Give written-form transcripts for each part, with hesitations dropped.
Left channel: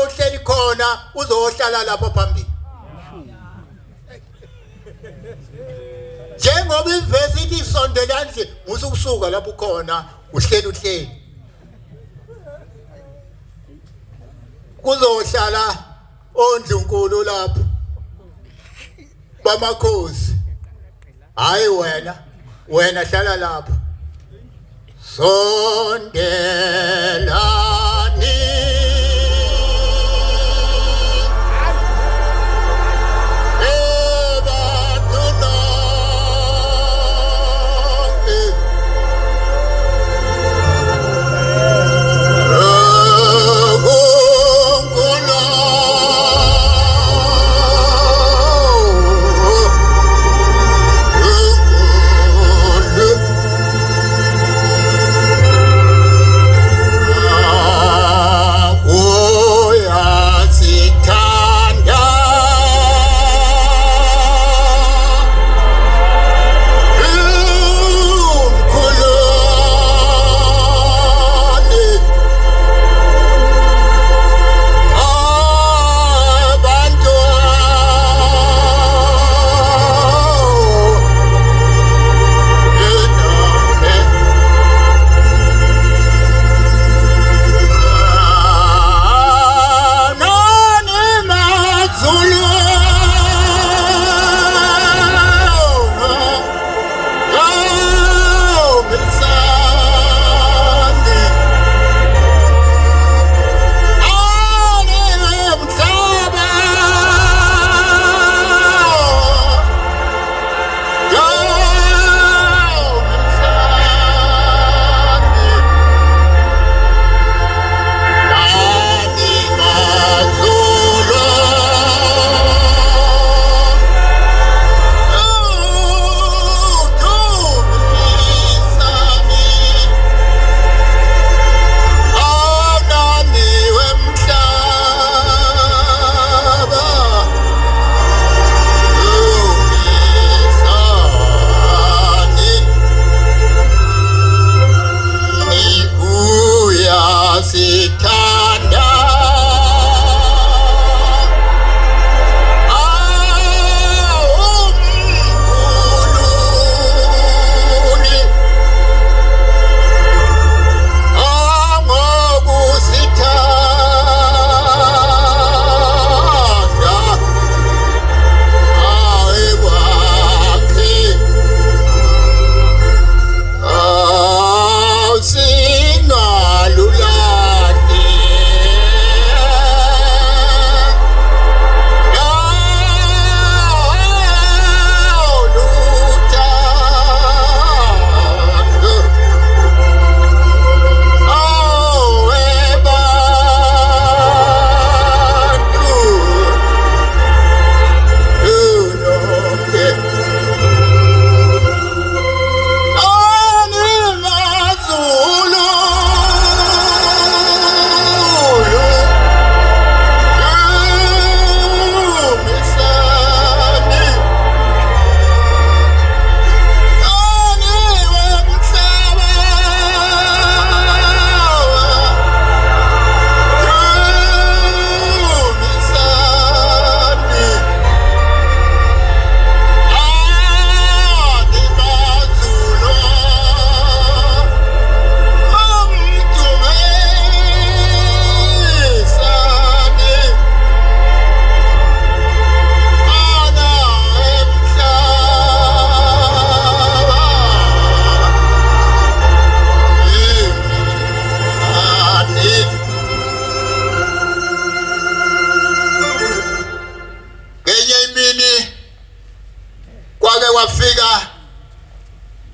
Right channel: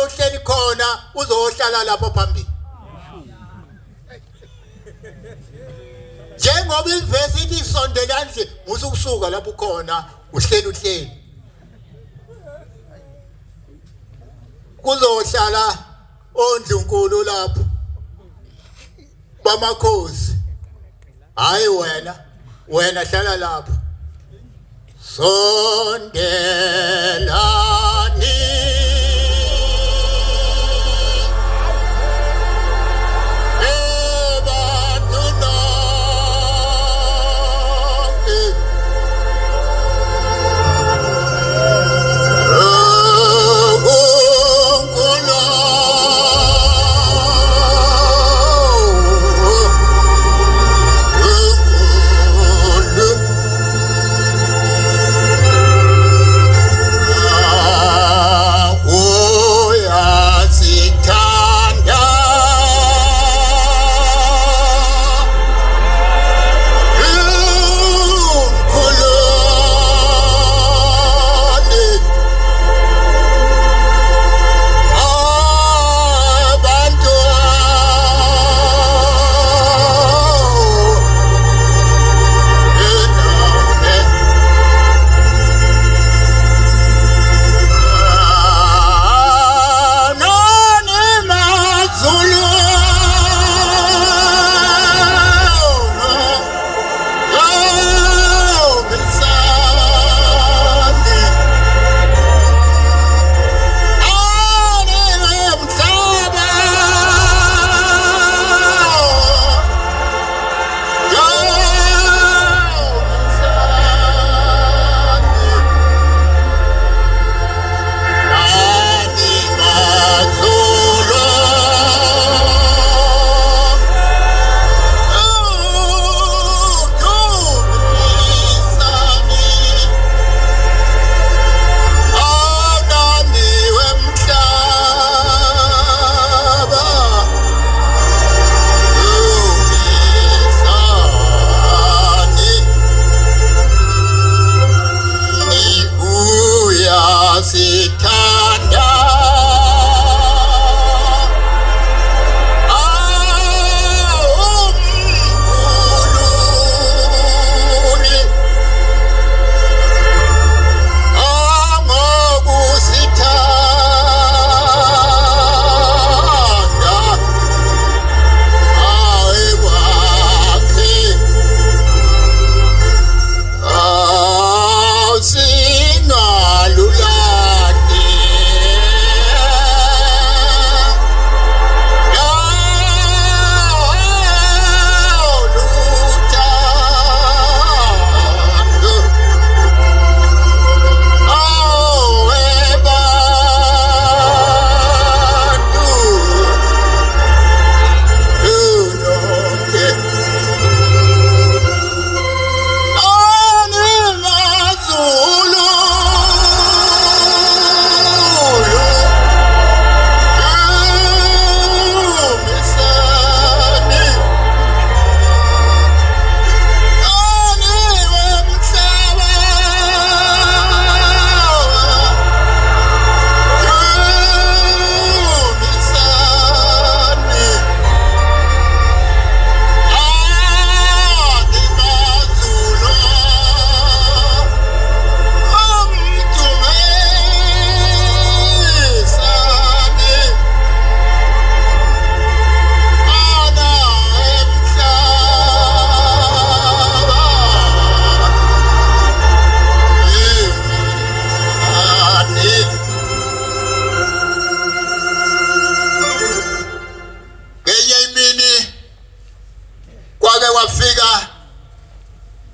la uhleli khona uzohlala lapho phambili. Njengoba ivesi isondela nje usukusuka lapho khona uhleli. Kuzohlala oNdlunkulu lapho bamakhosi. Hayi wena hlala lapho. Sondelani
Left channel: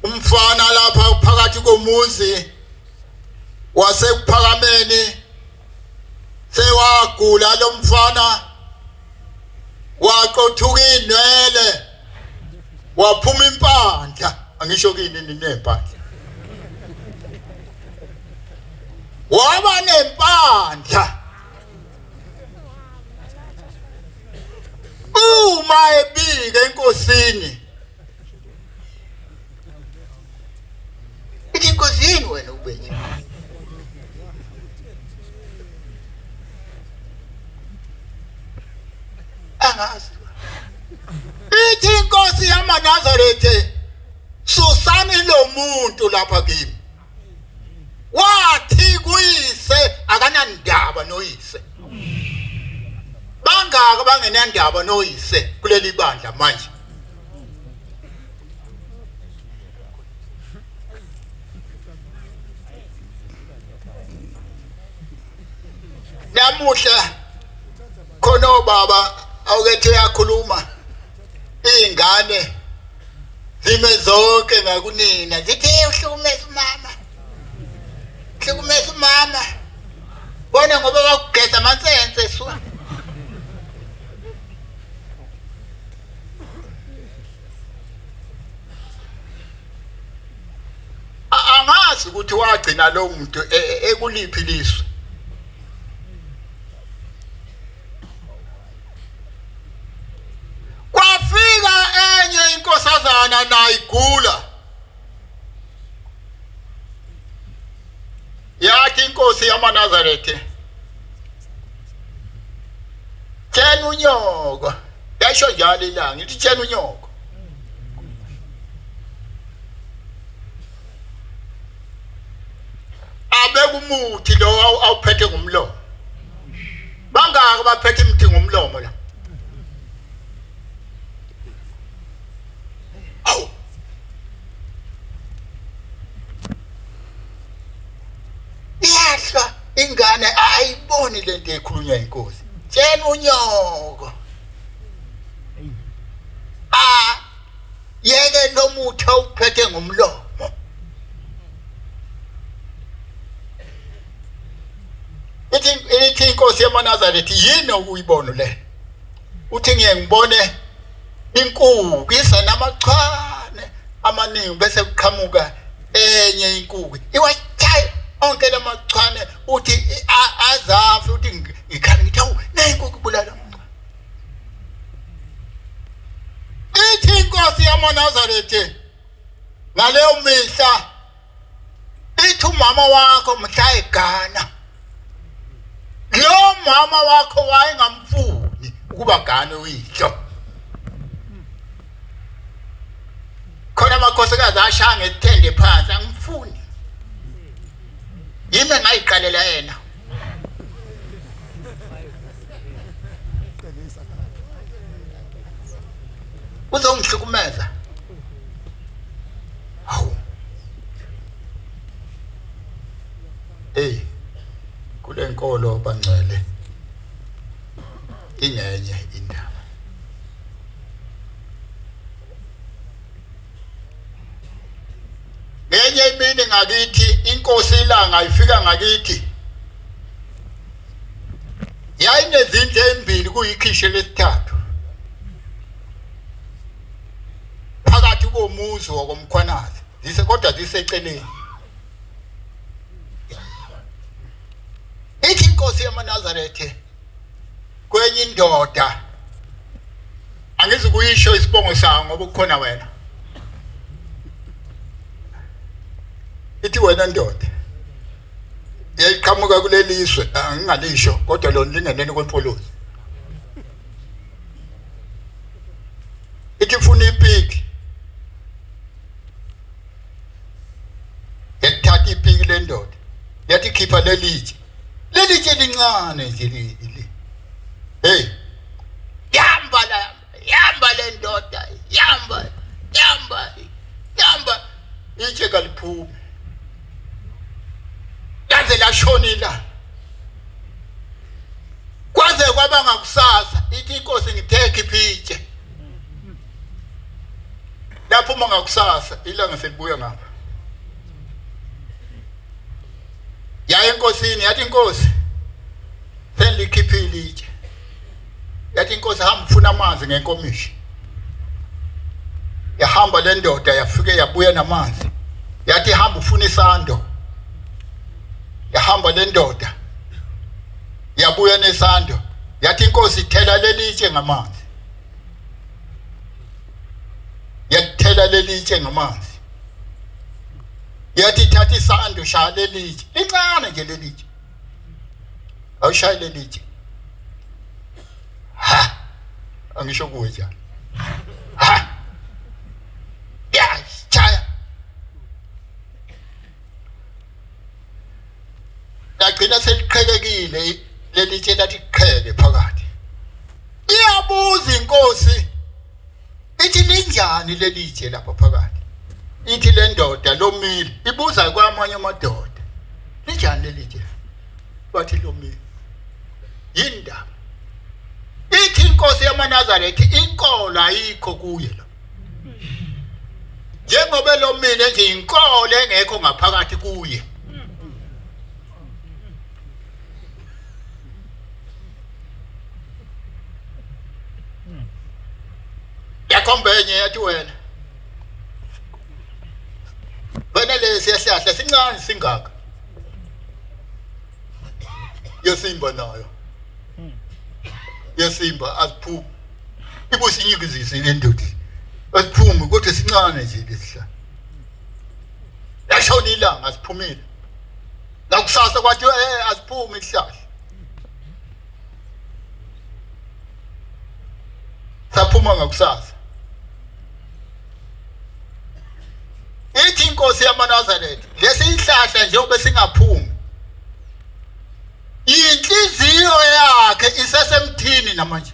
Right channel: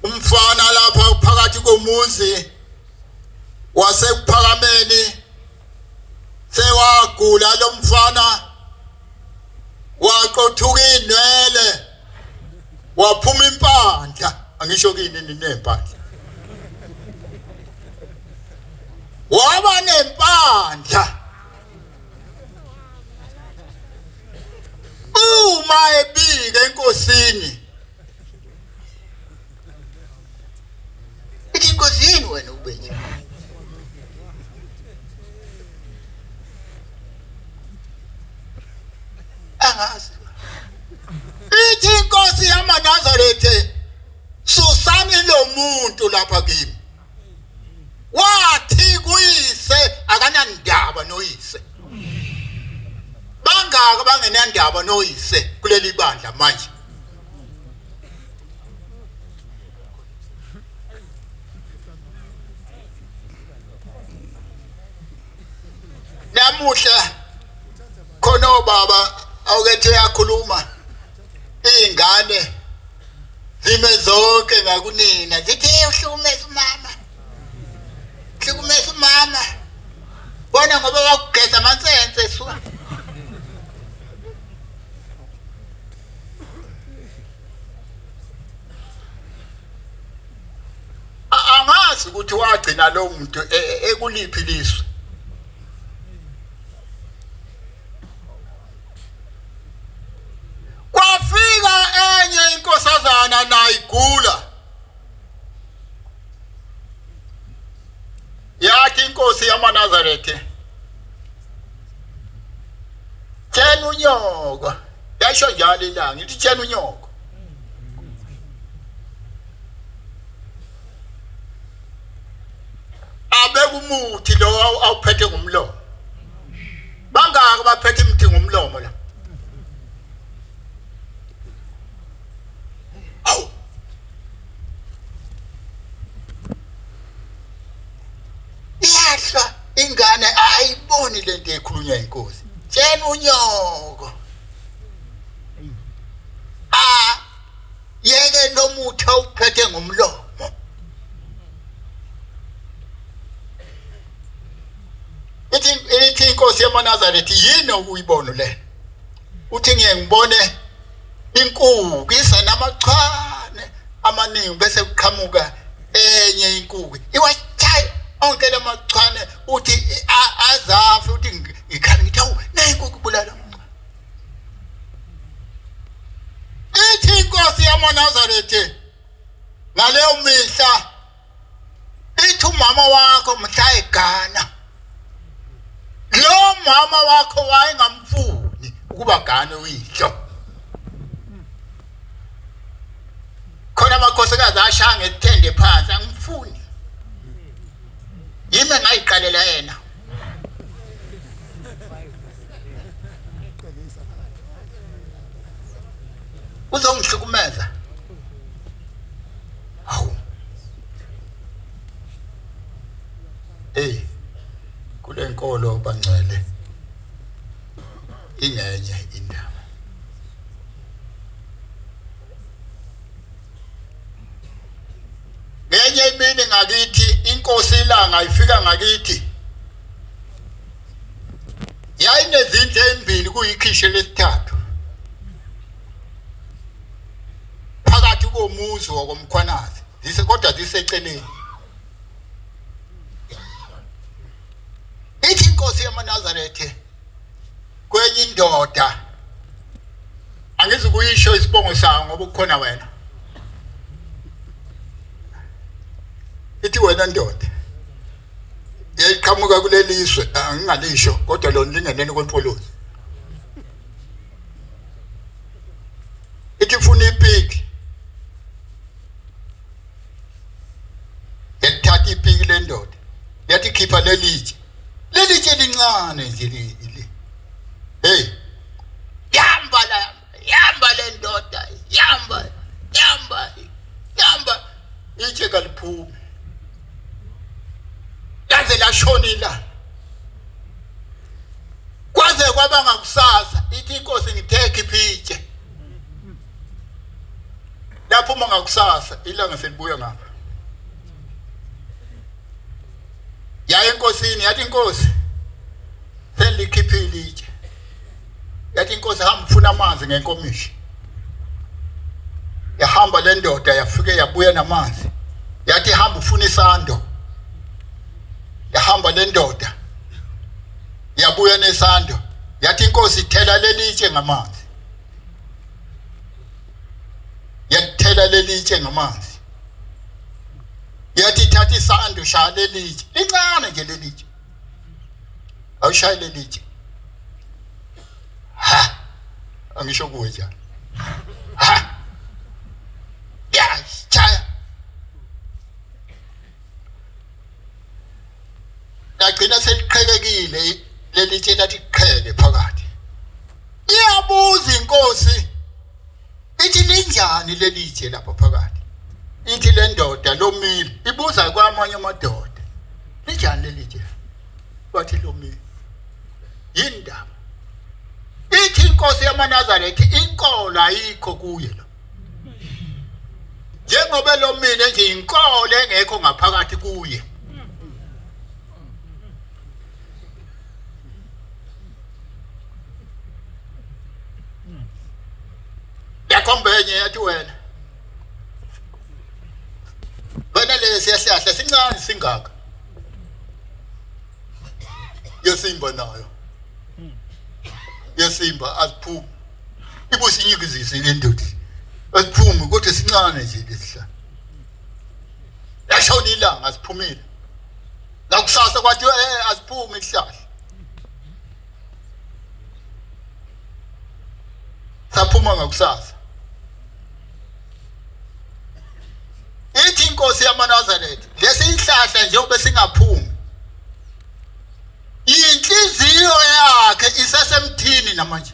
umfana lapha phakathi komuzi wasephakameni sewagula lo mfana waqothuka inwele waphuma impandla angisho kini ninempandla waba nempandla uma ebika enkosini inkosini wena ubenye angazi ithi inkosi yamaNazaretha susani lo muntu lapha kimi wathi kuyise akanandaba noyise bangaka bangenandaba noyise kuleli bandla manje namuhla khona baba awukethe yakhuluma ingane zime zonke ngakunina zithi uhlukumeza mama bona ngoba wakugeza amansense su angazi ukuthi wagcina lo muntu ekuliphi liso kwafika enye inkosazana nayigula yathi inkosi yamaNazaretha tshena unyoko yasho njalo ilanga ithi tshena unyoko abeka umuthi lo awuphethe ngomlomo bangaka baphethe imithi ngomlomo la awu yahla ingane ayiboni lento ekhulunywa inkosi tshena unyoko yeke lo muthi awuphethe ngomlomo ithi inkosi yamaNazaretha yini ukuyibona le uthi ngiyengibone inkukhu isenamachwane amaningi bese kuqhamuka enye inkukhu iwachaya onke lamachwane uthi azafi uthi ngikhangitha nenkukhu bulala ithi inkosi yamaNazaretha ngaleyo mihla ithi umama wakho mhla egana lo mama wakho wayengamfuni ukuba gane uyihlo khona amakhosikazi ashaya ngethende phansi angifuni yimi ngayiqalela yena uzongihlukumeza hawu kule nkolo bangcwele inyenye indaba ngenye imini ngakithi inkosi ilanga ifika ngakithi yayinezindlu ezimbili kuyikhishe lesithathu phakathi komuzi wokomkhwanazi kodwa ziseceleni ithi inkosi yamaNazaretha kwenye indoda angizi kuyisho isibongo sayo ngoba ukukhona wena ithi wena ndoda yayiqhamuka kuleliswe ngingalisho kodwa lona lingeneni kwempolozi ithi ufuna ipiki yathatha ipiki le ndoda yathi khipha lelitshe lincane nje leli yamba le ndoda yamba itshe kaliphume yaze lashonila kwaze kwaba ngakusasa ithi inkosi ngitheke iphitshe lapho uma ngakusasa ilanga selibuya ngapha yaya enkosini yathi inkosi selikhiphile itshe yathi inkosi hamba ufuna amanzi ngenkomishi yahamba le ndoda yafike yabuya namanzi yathi hamba ufuna isando yahamba le ndoda yabuya nesando yathi inkosi ithela lelitshe ngamanzi yathela lelitshe ngamanzi yathi thatha isando shaya lelitshe lincane nje lelitshe awushaya lelitshe angisho kutya ha ya chaya yagcina seliqhelekile lelitshe lathi qhele phakathi iyabuza inkosi ithi linjani lelitshe lapha phakathi ithi le ndoda lomile ibuza kwamanye amadoda linjani lelitshe bathi lomile yindaba ithi inkosi yamaNazaretha inkolo ayikho kuye lo njengoba lomile nje inkolo engekho ngaphakathi kuye yakhombenye yathi wena lesi siyahlahla sincane singaka yesimba nayo yesimba asiphumi ibusinyikizise lendodi asiphumi kodwa sincane nje lesihla yashona ilanga asiphumile nakusasa kwathi asiphumi isihlahla saphuma ngakusasa ithi inkosi yamaNazaretha lesi ihlahla nje ube singaphumi inhliziyo yakhe isasemthini namanje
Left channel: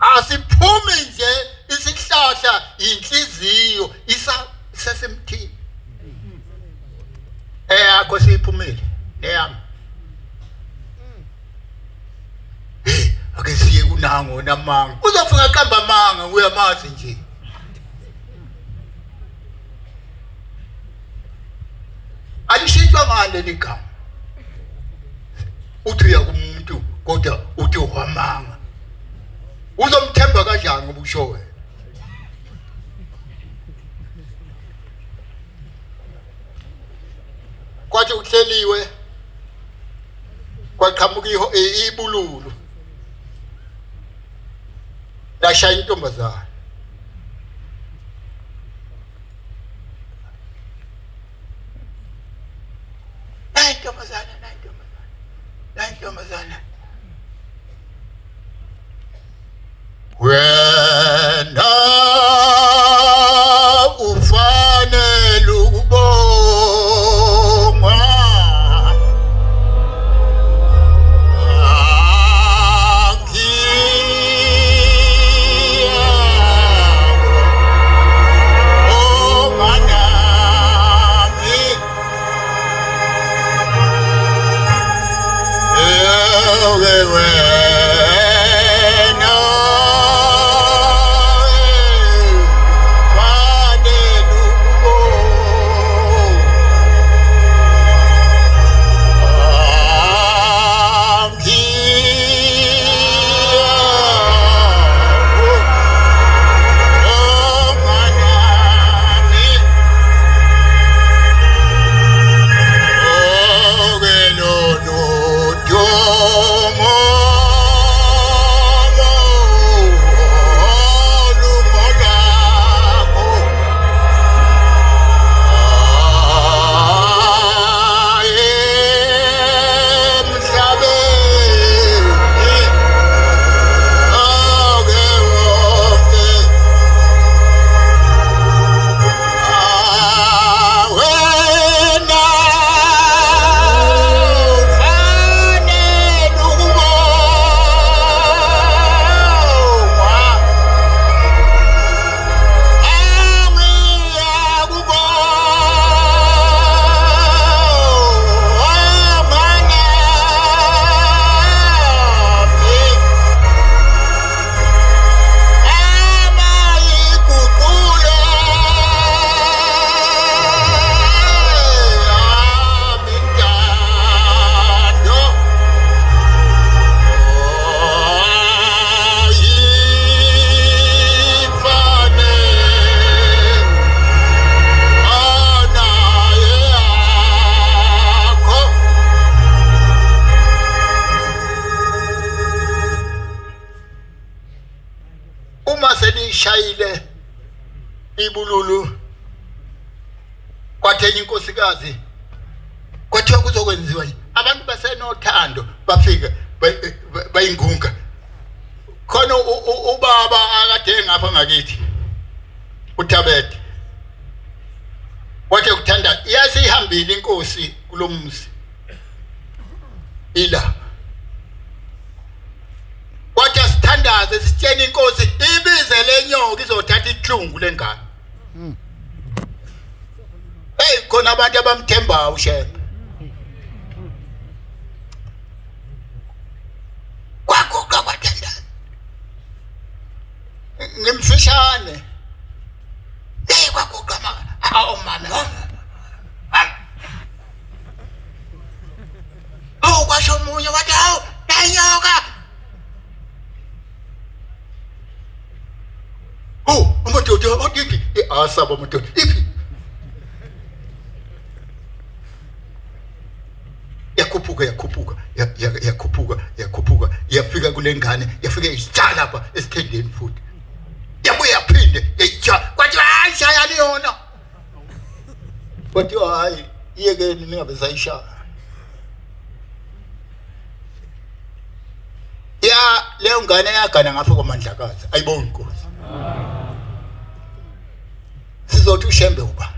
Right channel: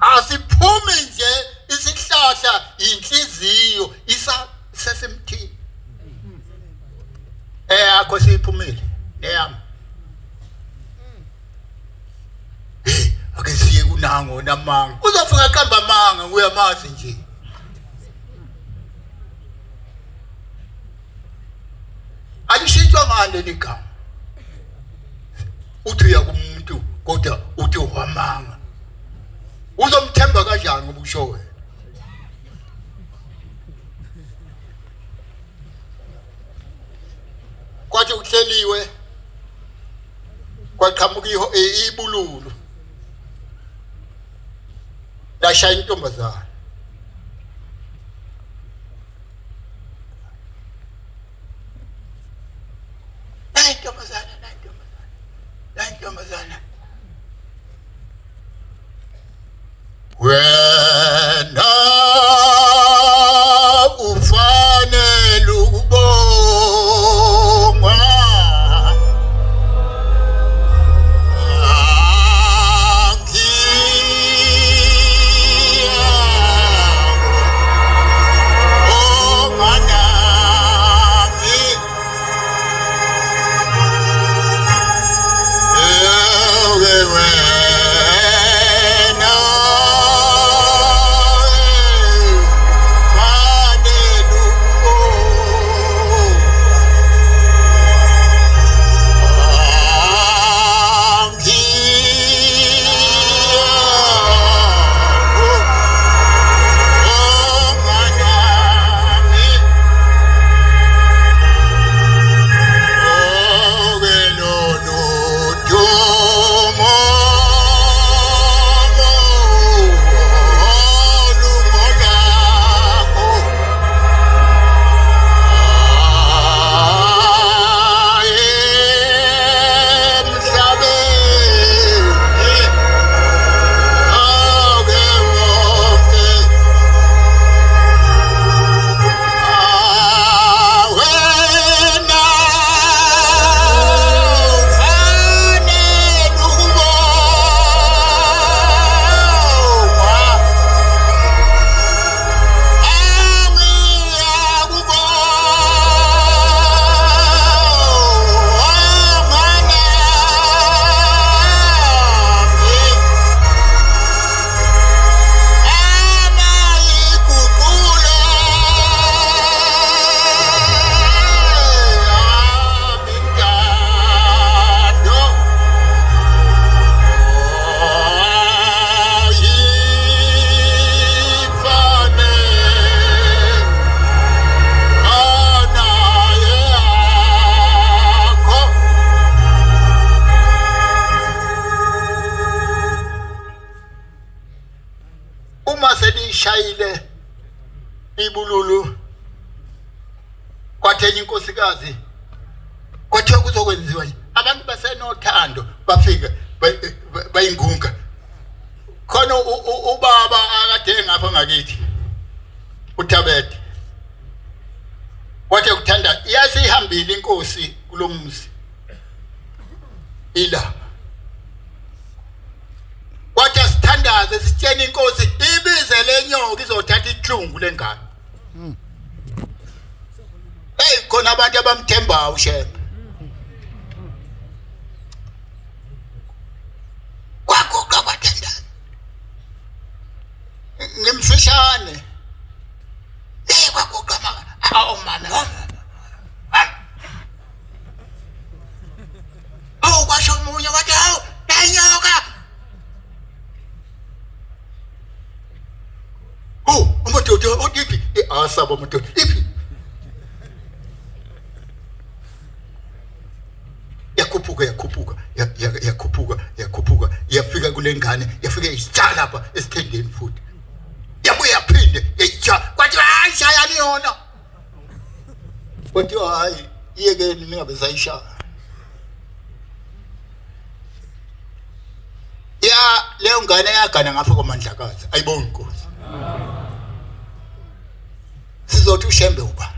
asiphumi nje isihlahla inhliziyo isasemthini akho siphumile neyami ake siye kunango namanga uzofika qamba manga uyamazi nje alishintshwa ngale ligama uthi uya kumuntu kodwa uthi uhamanga uzomthemba kanjani ubusho wena kwathi uhleliwe kwaqhamuka ibululu lashaya intombazana wena ufanele ukubongwa selishayile ibululu kwathenya inkosikazi kwathiwa kuzokwenziwa abantu basenothando bafike bayingunga khona ubaba akade ngapha ngakithi uThabete wathi ukuthanda yasihambile inkosi kulomuzi ila wathi asithandaze sitshene inkosi ibize lenyoka izothatha ihlungu lengane hey khona abantu abamthembayo ushebe kwakuqa bathandana ngimfishane hey kwakuqa mama oh kwasho umunye wathi hawu lenyoka oh amadoda abakithi asaba amadoda yakhuphuka yafika kulengane yafika isitshala lapha esithendeni futhi yabuye yaphinde yayitsha kwathi hayi shaya liyona kwathi hayi iyekeni ningabe sayishaya ya leyo ngane yagana ngapha kwamandlakazi ayiboni inkosi sizothi ushembe uba